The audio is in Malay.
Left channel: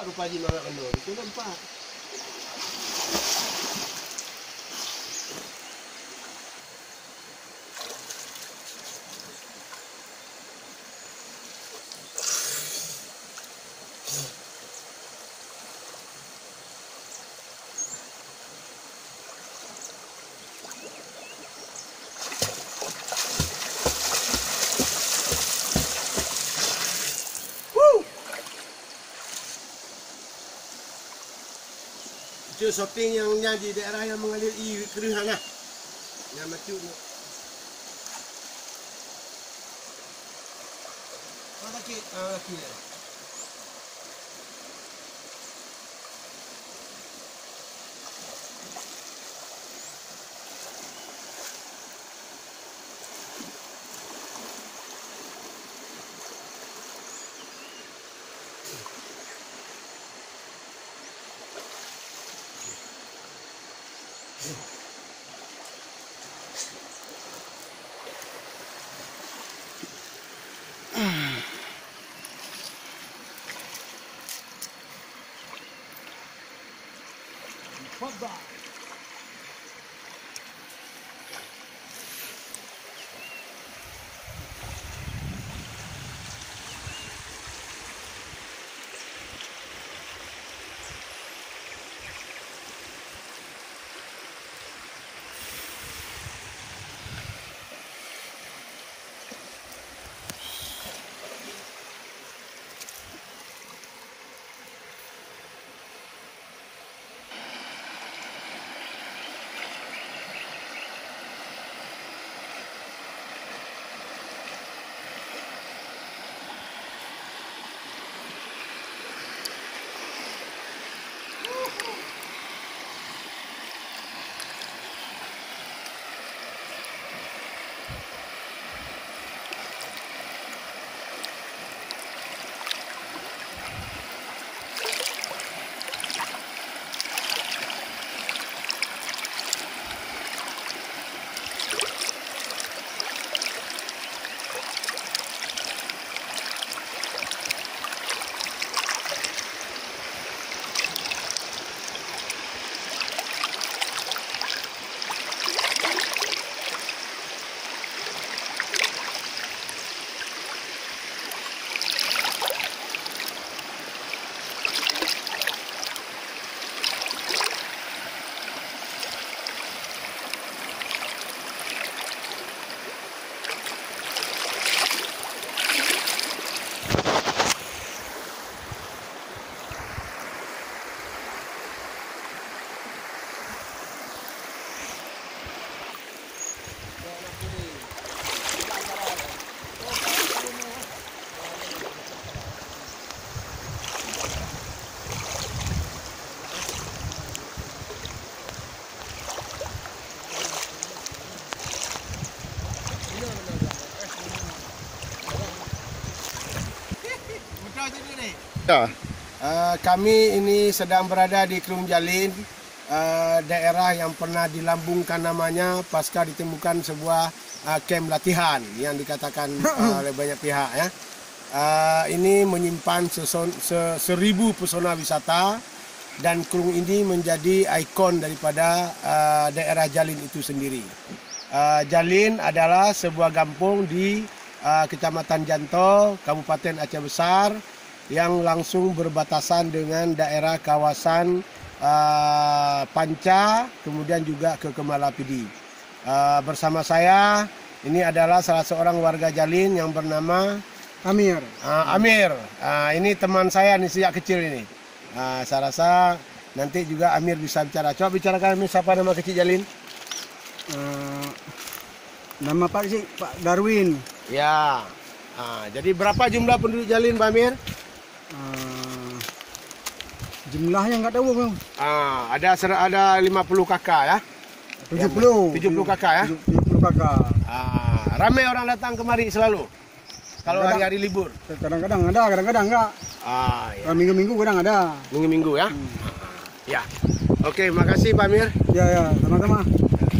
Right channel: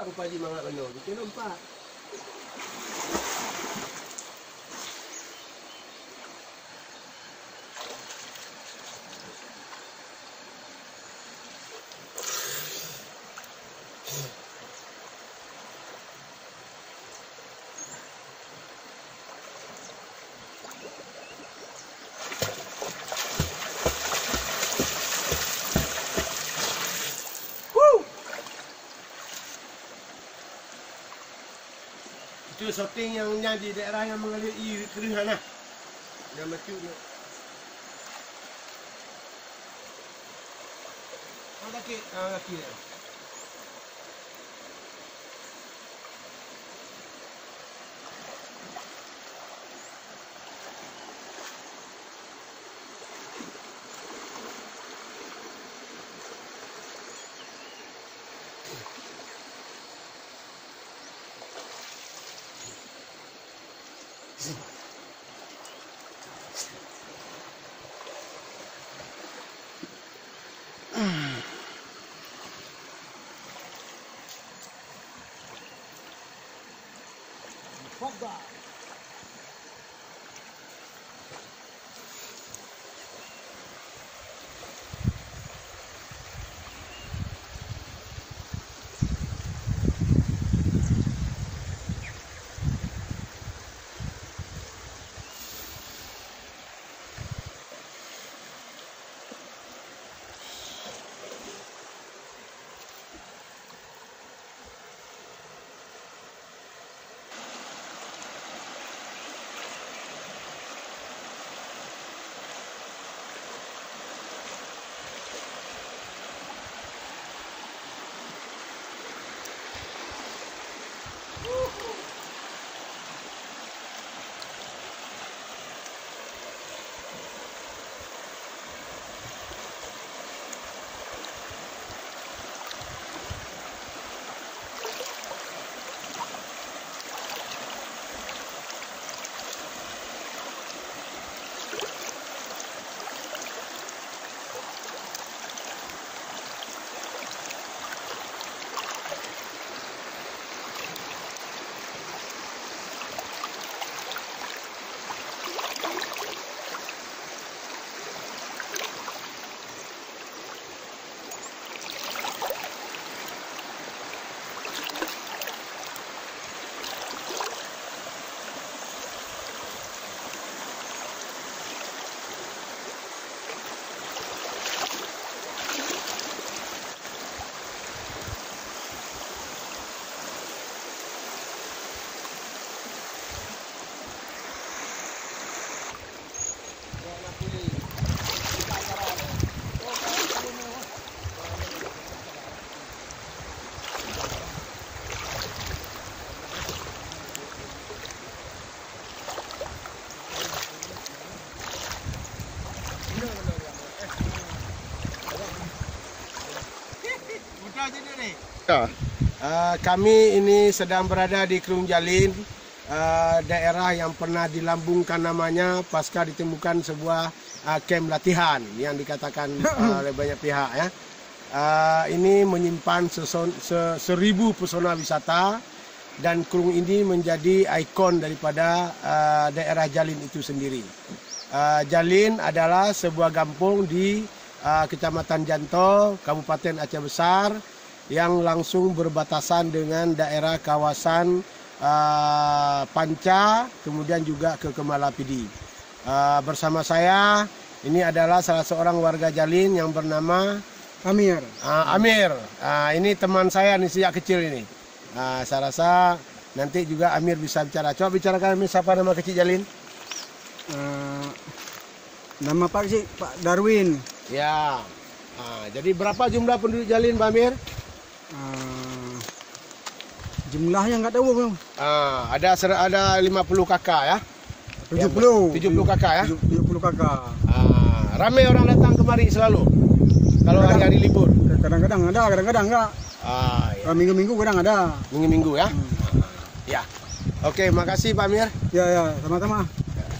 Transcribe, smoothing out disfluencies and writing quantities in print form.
nampak rupanya mangat benar. Itu nampak. Itu shopping yang di daerah yang mengalir keringan lah. Yang mati tu. Laki ni. Kami ini sedang berada di Kerung Jalin, daerah yang pernah dilambungkan namanya pasca ditemukan sebuah kamp latihan yang dikatakan oleh banyak pihak ya. Ini menyimpan 1000 pesona wisata dan Kerung ini menjadi ikon daripada daerah Jalin itu sendiri. Jalin adalah sebuah kampung di Kecamatan Janto, Kabupaten Aceh Besar yang langsung berbatasan dengan daerah kawasan Panca, kemudian juga ke Kemalapidi. Bersama saya, ini adalah salah seorang warga Jalin yang bernama Amir. Amir. Ini teman saya nih sejak kecil ini. Saya rasa nanti juga Amir bisa bicara. Coba bicarakan Amir, siapa nama kecil Jalin? Nama Pak sih Pak Darwin. Ya. Jadi berapa jumlah penduduk Jalin, Pak Amir? Jumlahnya nggak tahu bang. Ada 50 kakak ya. 70 kakak ya. 70 kakak. Ramai orang datang kemari selalu. Kalau hari-hari libur. Kadang-kadang ada, kadang-kadang enggak. Ya. Minggu-minggu kadang ada. Minggu-minggu ya. Ya. Oke, makasih Pak Amir. Ya, sama-sama.